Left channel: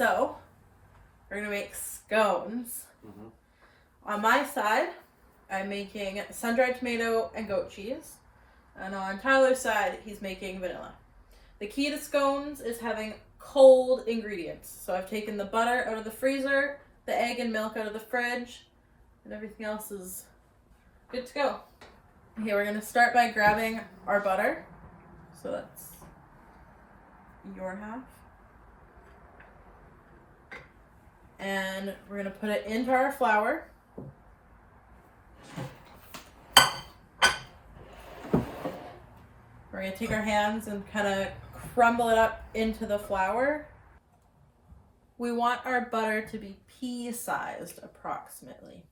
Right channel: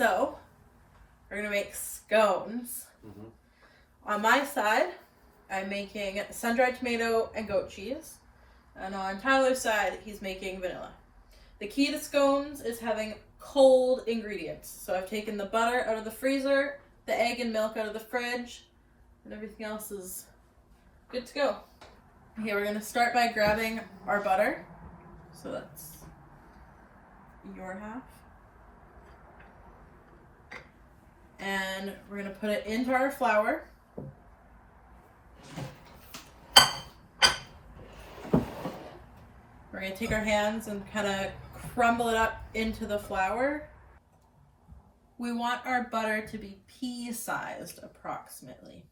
So we're gonna make scones. On my side, I'm making sun-dried tomato and goat cheese. And on Tyler's side, he's making vanilla. The key to scones is having cold ingredients. So I've taken the butter out of the freezer, the egg and milk out of the fridge, and everything else is good to go. Okay, we're gonna start by grabbing our butter. So that's your half. And we're gonna put it into our flour. We're gonna take our hands and kind of crumble it up into the flour. We want our butter to be pea-sized approximately.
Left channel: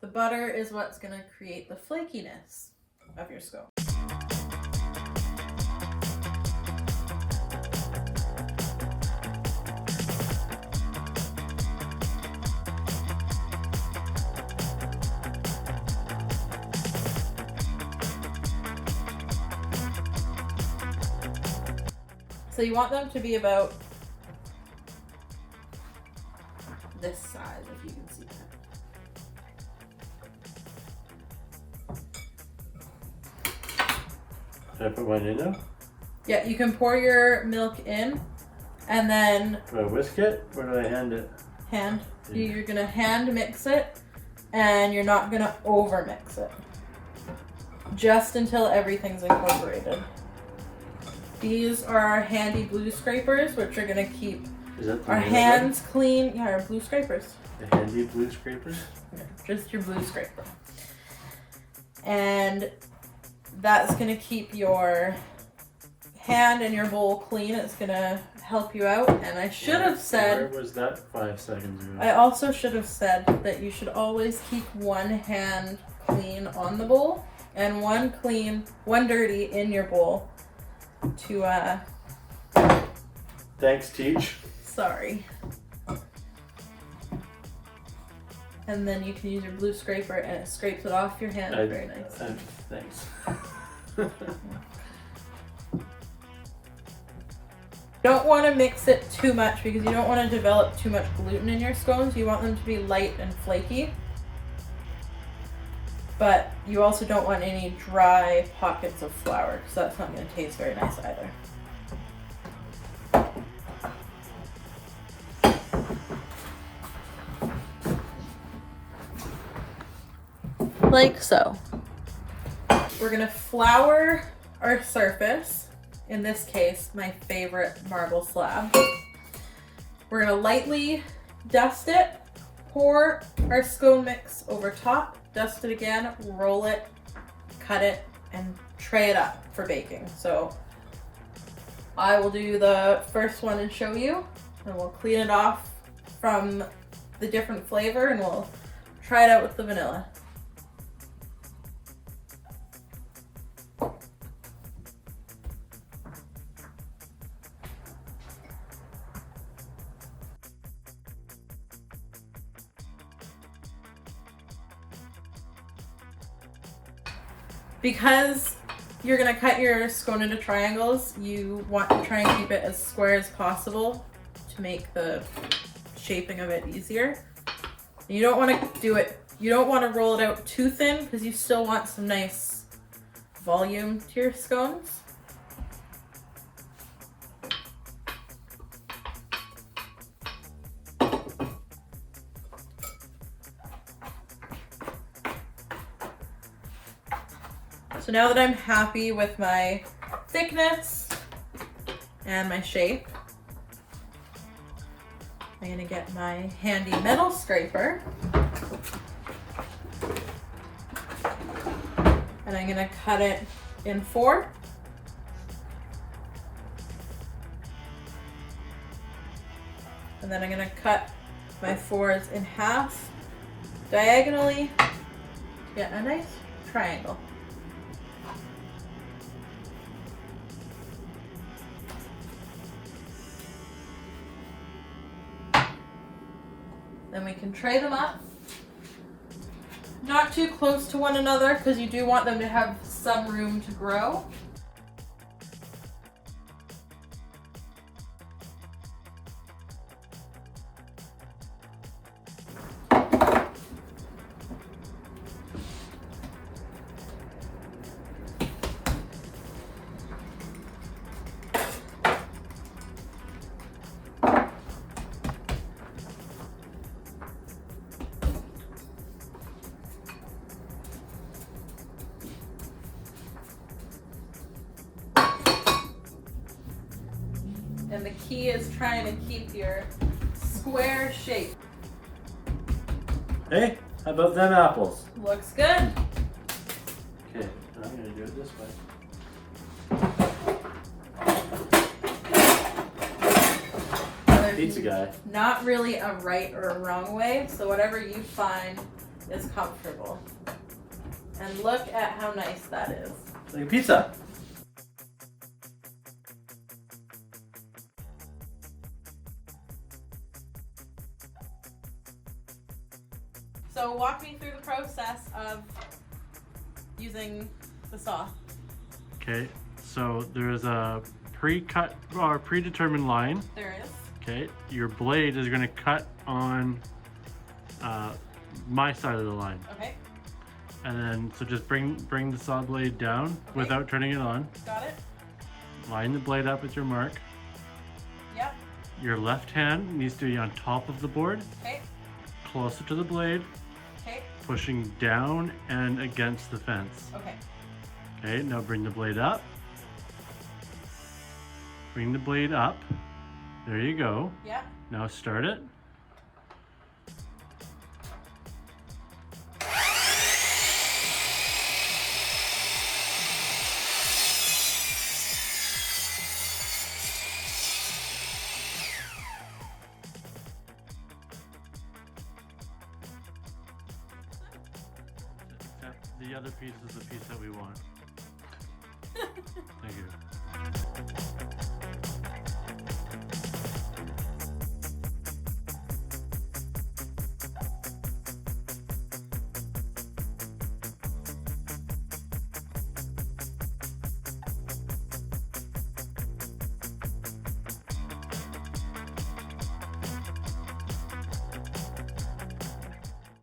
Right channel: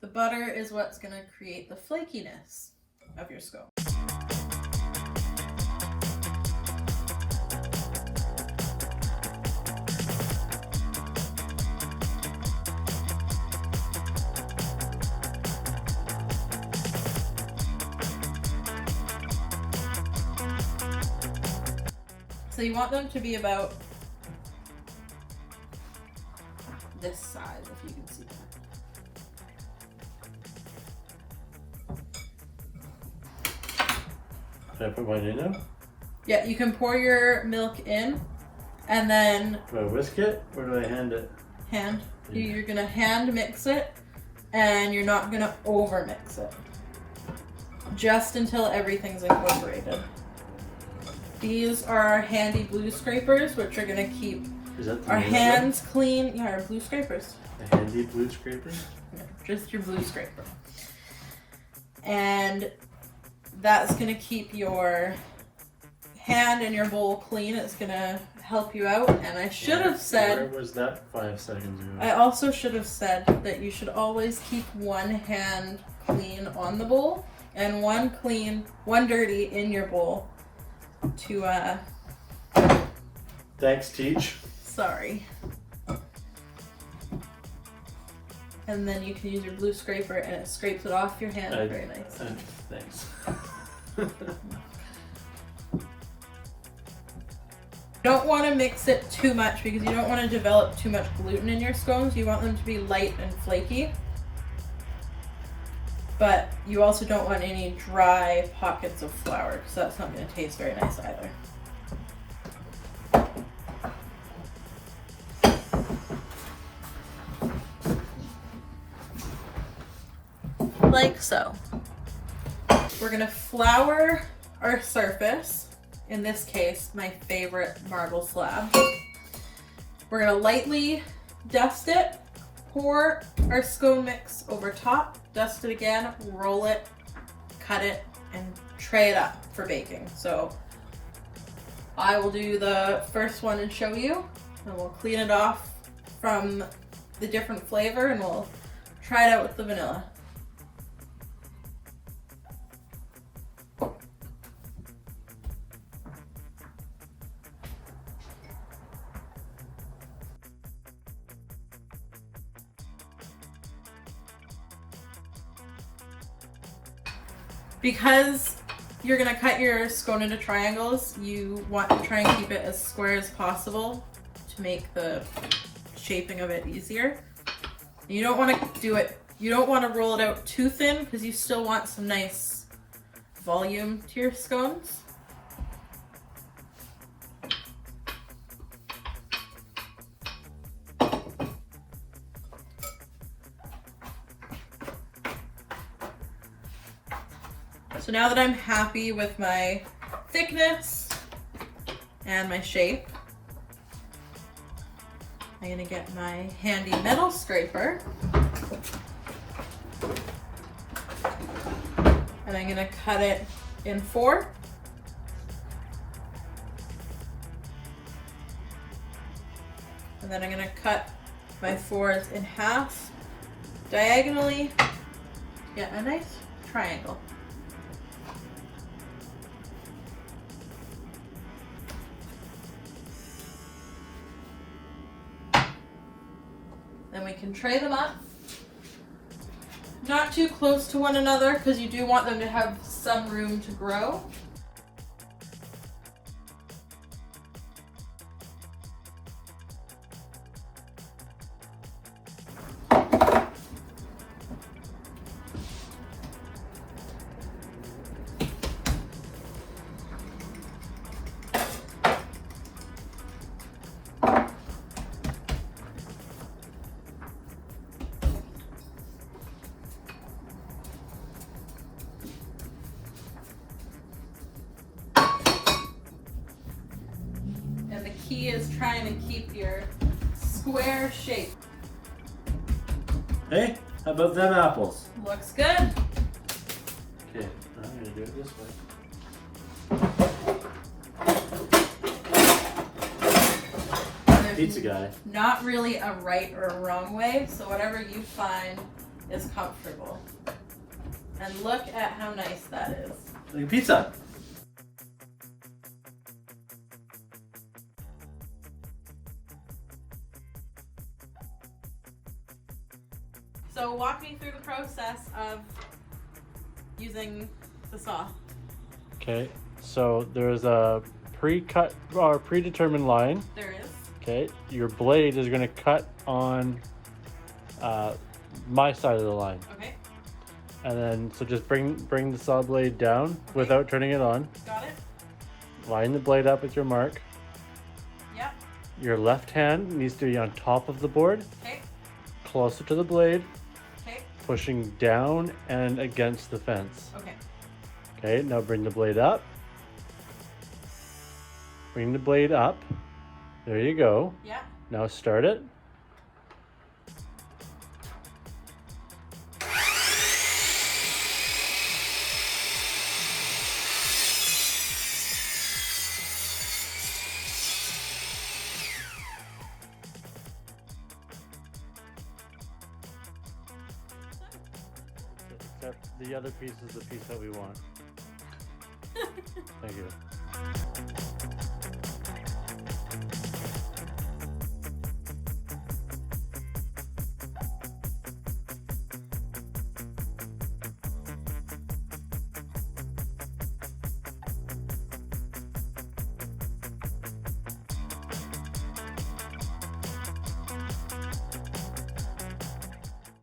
The butter is what's gonna create the flakiness of your scone. So you want them to be about this size, if you can see that. Can I put mine in now? Yeah, you can pour your milk in, and then... Do I whisk it, or do I hand it? Hand. You're gonna hand mix it, and you're not gonna over mix it. Just until everything's incorporated. These are our handy blue scrapers, which are gonna keep our hands clean. Yeah, our blue scrapers. A handy blue scraper? Yeah, just your blue scraper. And that's gonna keep your hand and your bowl clean. It's gonna help you out. And I should have said... Where was that 5 seconds ago? I also should have said that you should always keep one hand clean on the bowl and one dirty in your bowl. To Thanks, Teach. Sorry. And then you can use your blue scraper and it scrapes it off your hand very nice. Thanks. Don't want to mix it too much because you don't want to develop too much gluten in your scones. You want them to be light and flaky. But you also don't want any dry pockets of flour because that's not going to taste very nice either. Like so. We're going to flour our surface. In this case, my favorite marble slab. We're going to lightly dust it, pour our scone mix over top, dust it again, roll it, cut it, and tray it up for baking. So I will do the first one and show you, and we'll clean it off from the different flavor and we'll try it out with the vanilla. Because you're gonna cut your scone into triangles, you want to try and keep it as square as possible to make the shaping of it easier. You don't want to roll it out too thin because you still want some nice volume to your scones. So now that I'm happy with my thickness and my shape, I'm gonna get my handy metal scraper and I'm gonna cut it in 4. And then I'm gonna cut my 4s in half diagonally to get a nice triangle. Then we can tray them up. Not too close to one another because you do want them to have some room to grow. key is trying to keep your square shape. Hey, how about them apples? Looks good. Okay, I'm gonna do it this way. There's Pizza guy. not really a right or a wrong way, so whatever you find is comfortable. And look at how nice that is. Like a pizza. So walk me through the process of using the saw. Okay, so there's a pre-cut or predetermined line. There is. Okay, your blade is going to cut on my side of the line, Okay, and then so just bring the saw blade down without turning it on. got it. Line the blade up with your mark. Yep. Your left hand needs to be on top of the board, Okay, closer to the blade, okay, pushing down and against the fence. okay. Okay, now bring the blade up. Bring the blade up. There you go. Yep. Now start it. Except the other piece is the piece that we want. Thank you.